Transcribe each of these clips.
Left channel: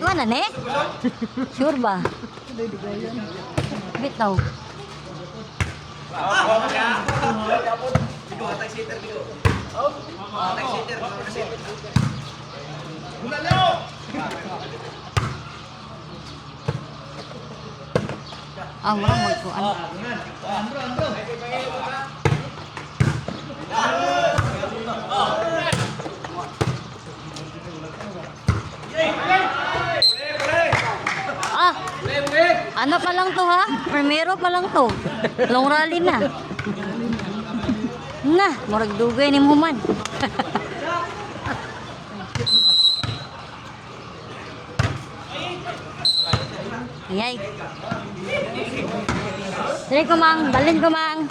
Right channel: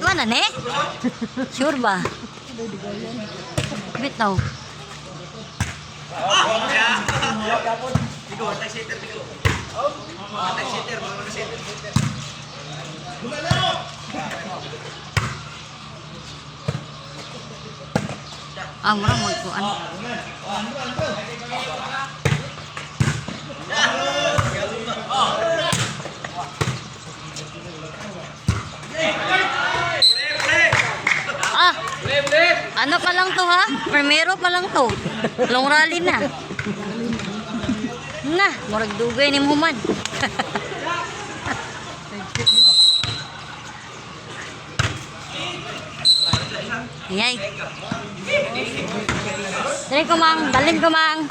Mana ne? Sure ba? Bitaw. Murang magkuan. Ano pa lang to ha? Primero pa lang to. Long rally na. Na, murag dugay ni Muhammad. Ayay. Dali ko mang, balin ko mang.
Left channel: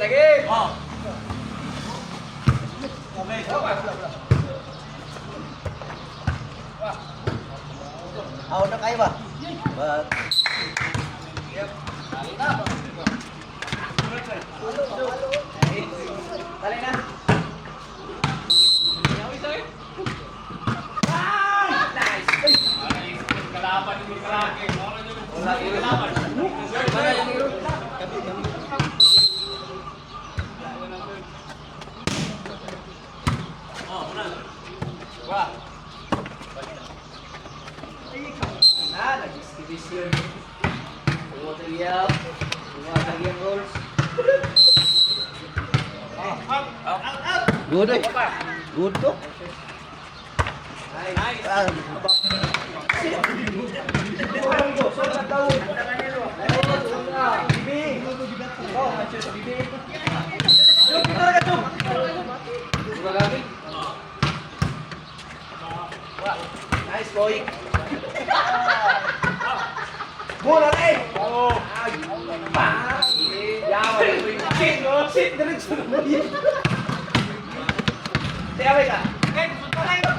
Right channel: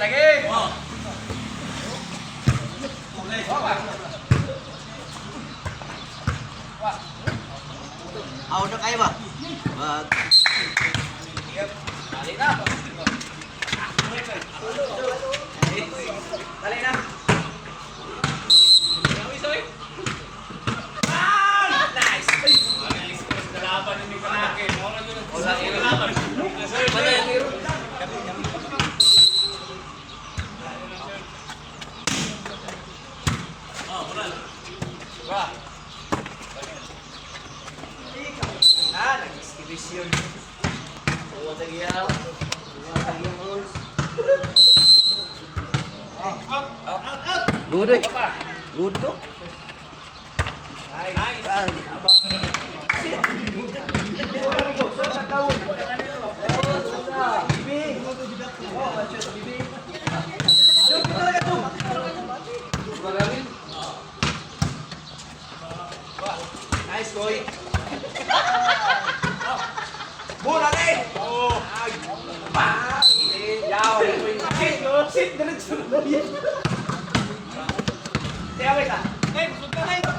Lagi. Udah kayak ba? Dali na. Dali na. Nice. Kalaban ni Krake. Wala ni kalaban. Nag-exhibition. Material. Material rolls. Good eh. Good to. Nice boy. Murang eh. Oh. Yawa ni. Sit diretso na yan. Tiya ba ita? Sunta na ito.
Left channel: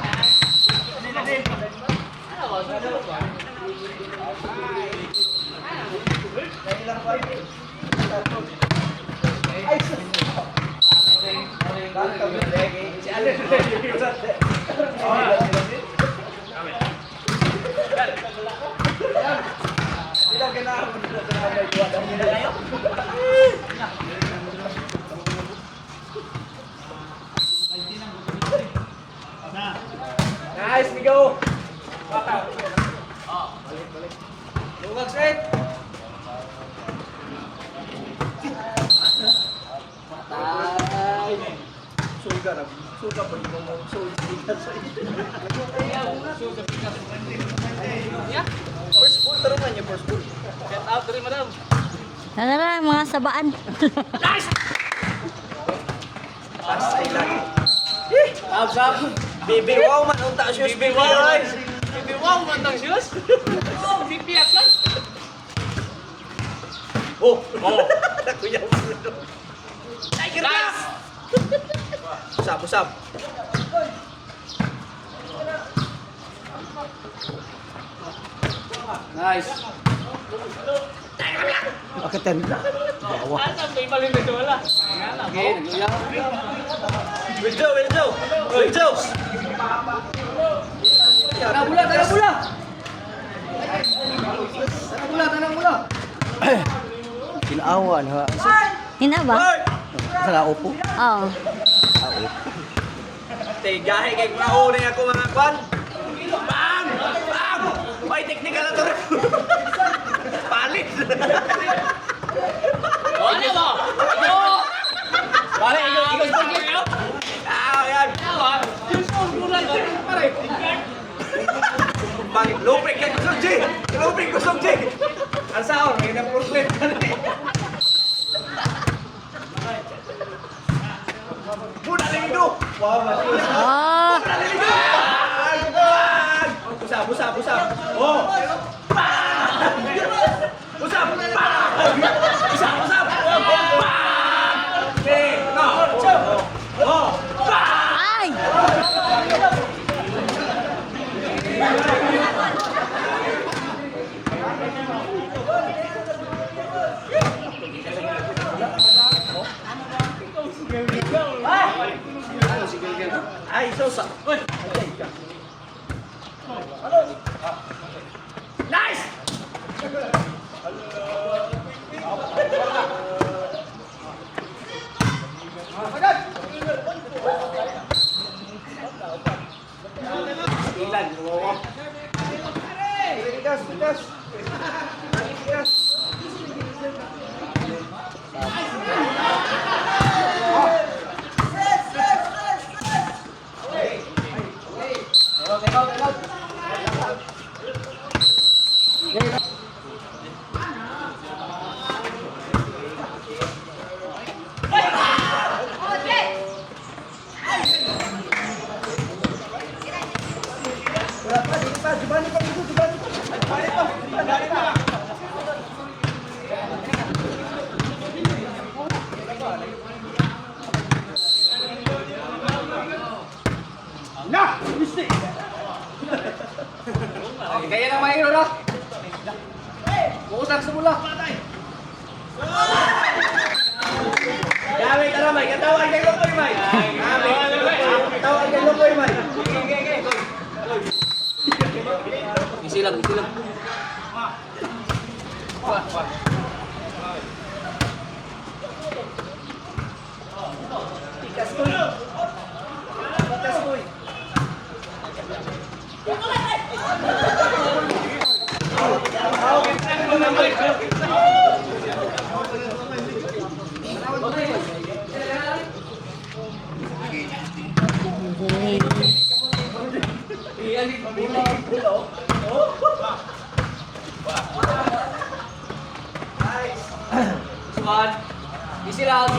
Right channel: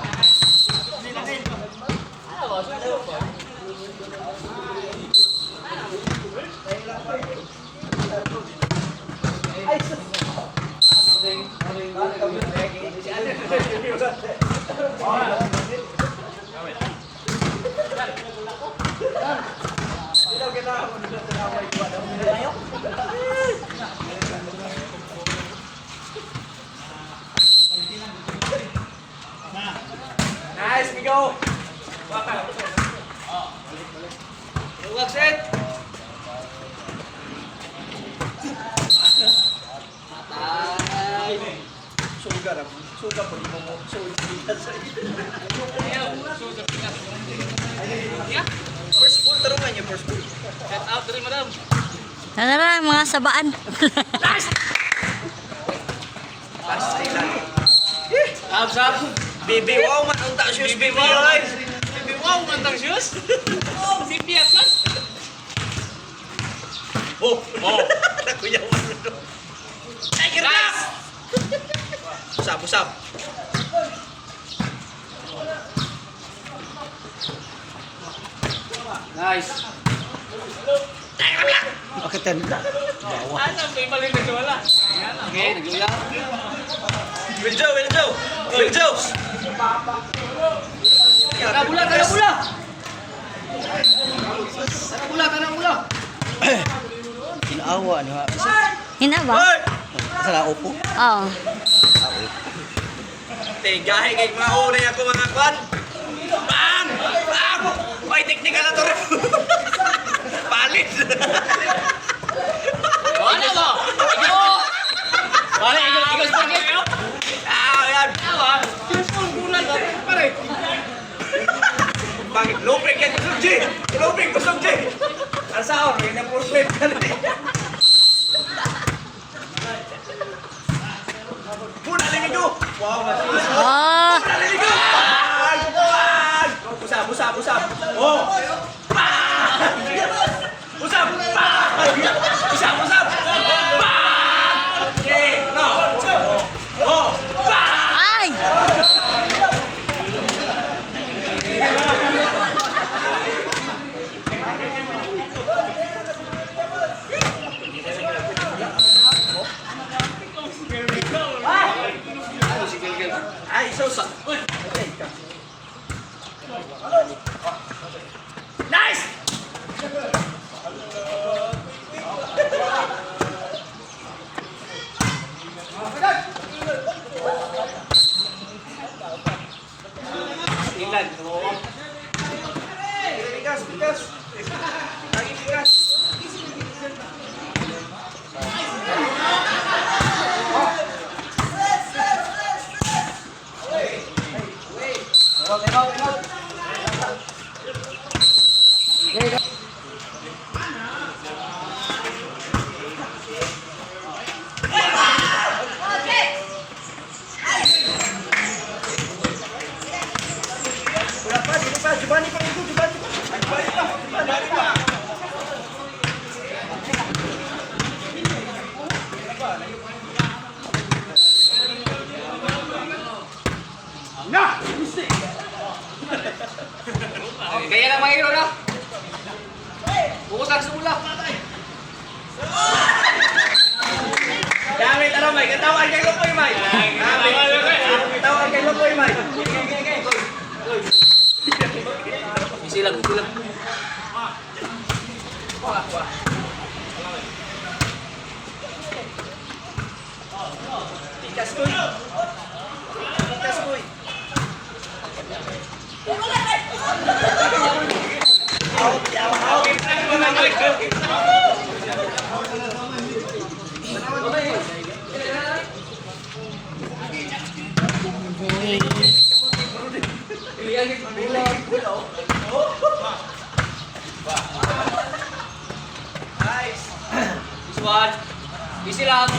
Dito din. Ano ba? Ano ba? Dahil lang pa rin. Ay, sus. Nice, we go. Wapa. Luwag set. Ay. Sugar. Sugar po mo. Sugar. First ball tarungan niyo, first ball. Get out rin, madam. Tara, mga sabaan. Nice. Abs up. Baby wow man unta shoes. Baby wow. Baby wow man tang shoes. Oh, CPF lan. Oh. Kuya man. Nice. Usap. Nice. Oke, tem. Asa may mali na wala. Okay, naglulang. Will Joe. Bula. Kinawan ha. Hina ba? Sa upo. Oo. Gahe kay mauna ako mga kwan. Bang! Oy, technical na to. Palit. Ano to? Bale, ikot spaghetti. Yan. Yung bulan pare. Bakit lupik yan kusog-G? Lupik kusog-G. Nasaon, yun ang problem ka na eh. Muna limigo! Wow, matilis. Muna limigo! Busap. Oh! Busap! Busap! Okay, no! Oh! Ay! Gamit, ano, May? Katawan kay Lukoy, May. Katawan kay Lukoy, May. Isilang. Tikas ko. One. Easy lang.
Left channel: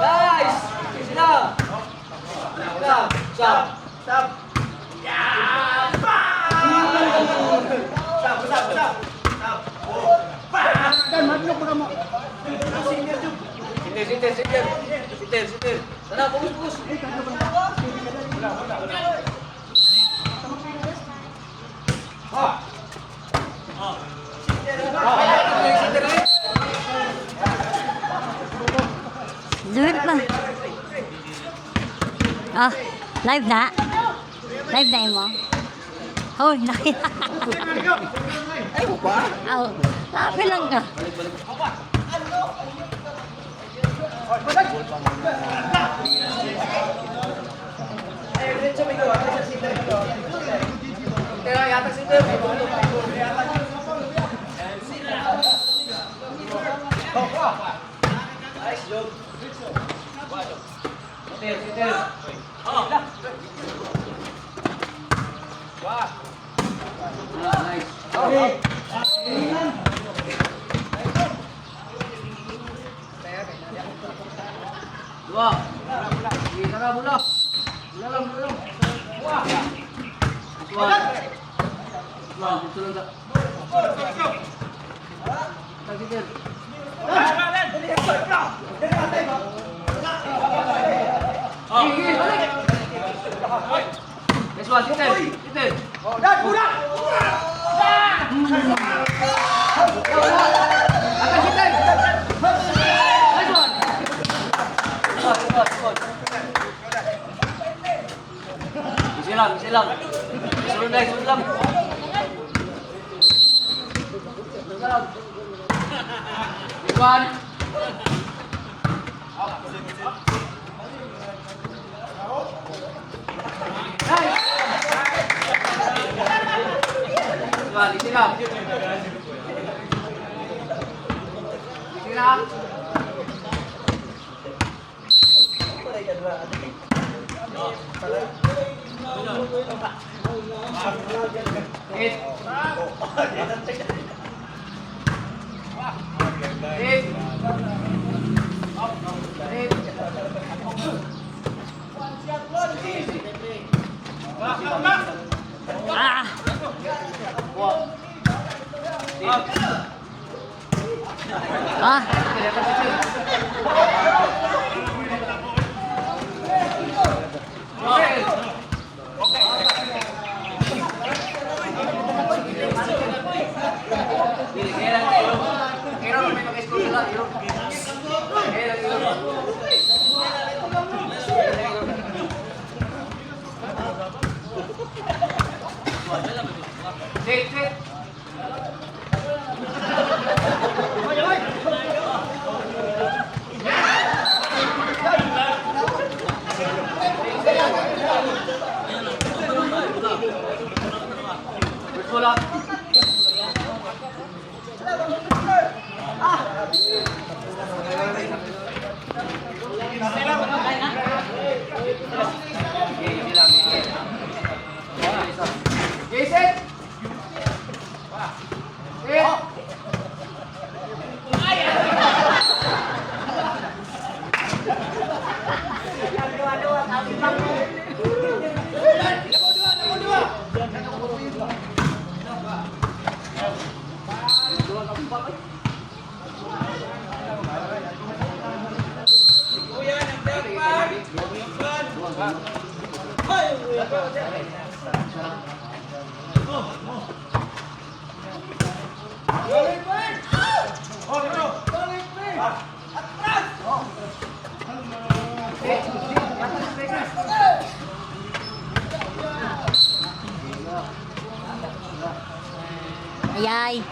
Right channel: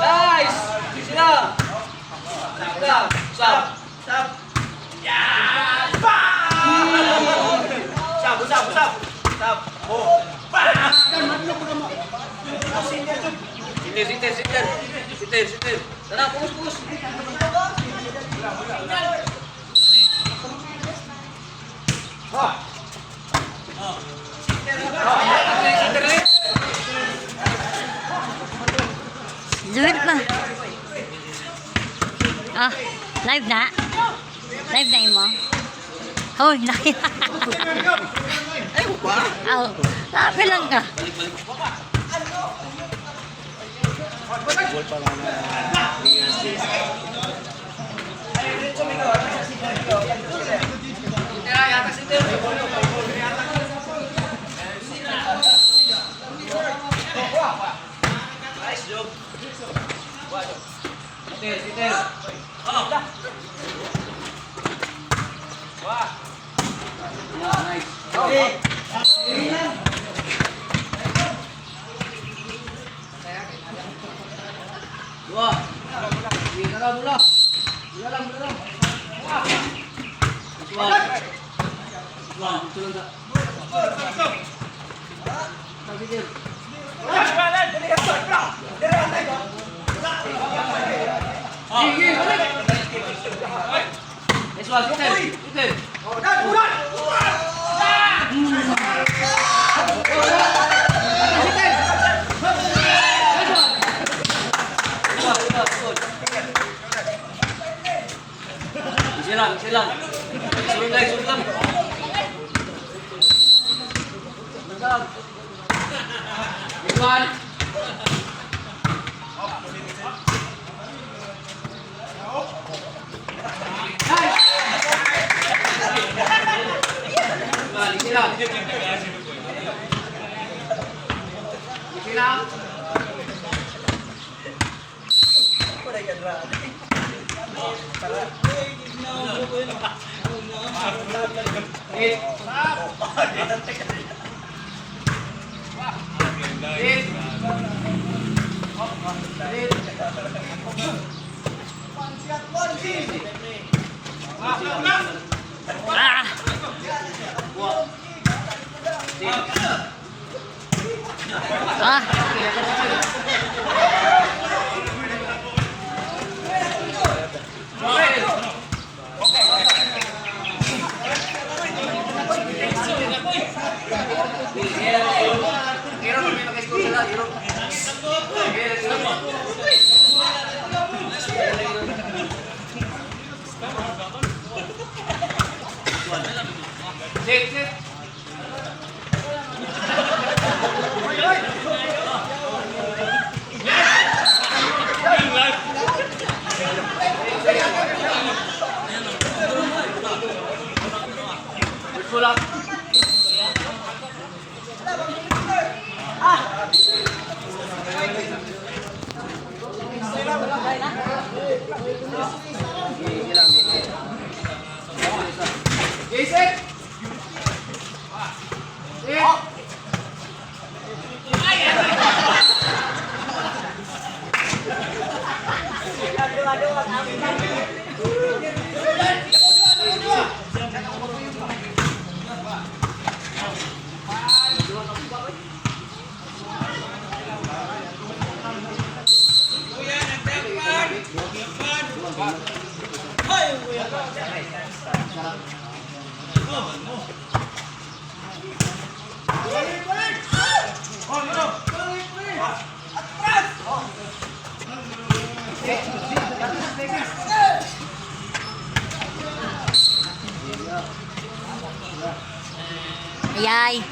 Nice. Easy lang. Stop. Yeah. Stop. Oh. Sitter. Sana, pumus. Zuwit pa. Ah, live na. Live na mo. Hoy, nakita. Ay, ba? Aw, lapi lang ka. Nice job. Sitter. Nice. Okay. Dua. Ini kena bola. Bola lang. Wah. Betul tak? Tak Sitter. Let's watch Sitter. Silang. Sulit lang. One. Silang. Ah. Ah. Yay.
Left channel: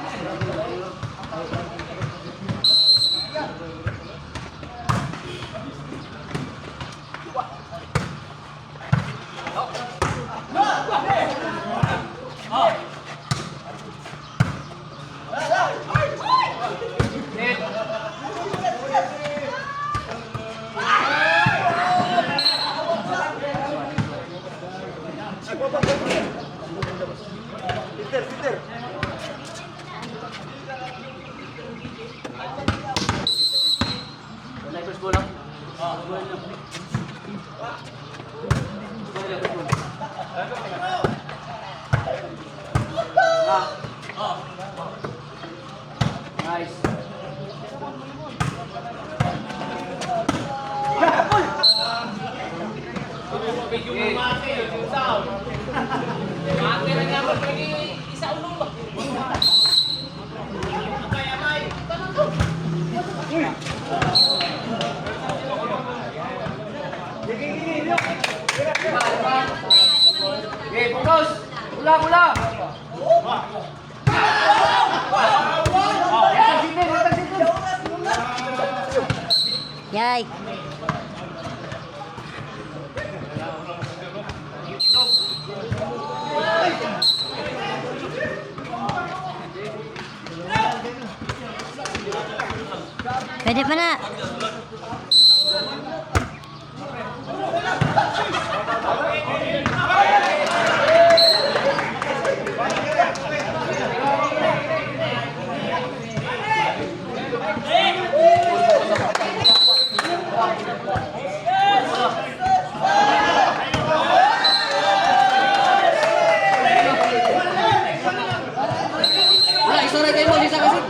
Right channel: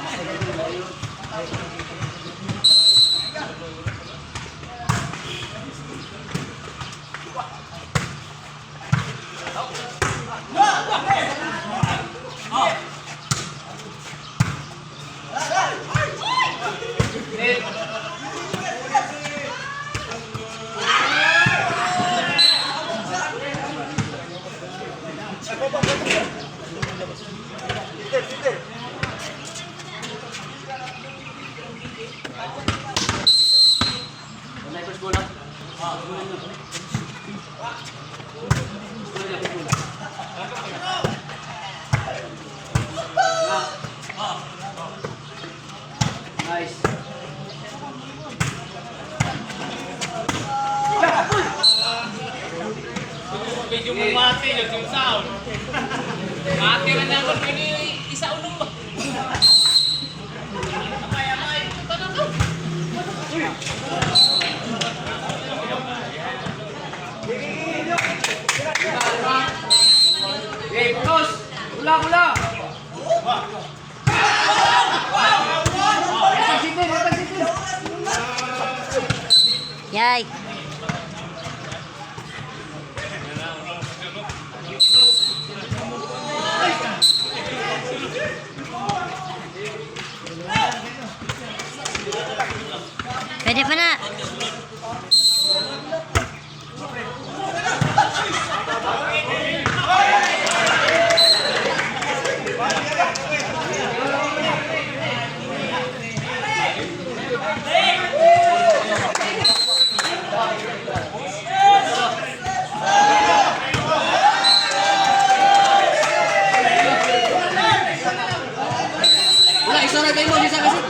Nice. Medyo mumati yung sound. Mati lang naman pwede isa ulong ba? Amay. Tanong to. Okay, focus. Ula. Yay. Pwede pa na. Wala, isa na kayo mo, isa kasi.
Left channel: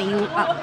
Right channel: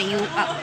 Tayo up.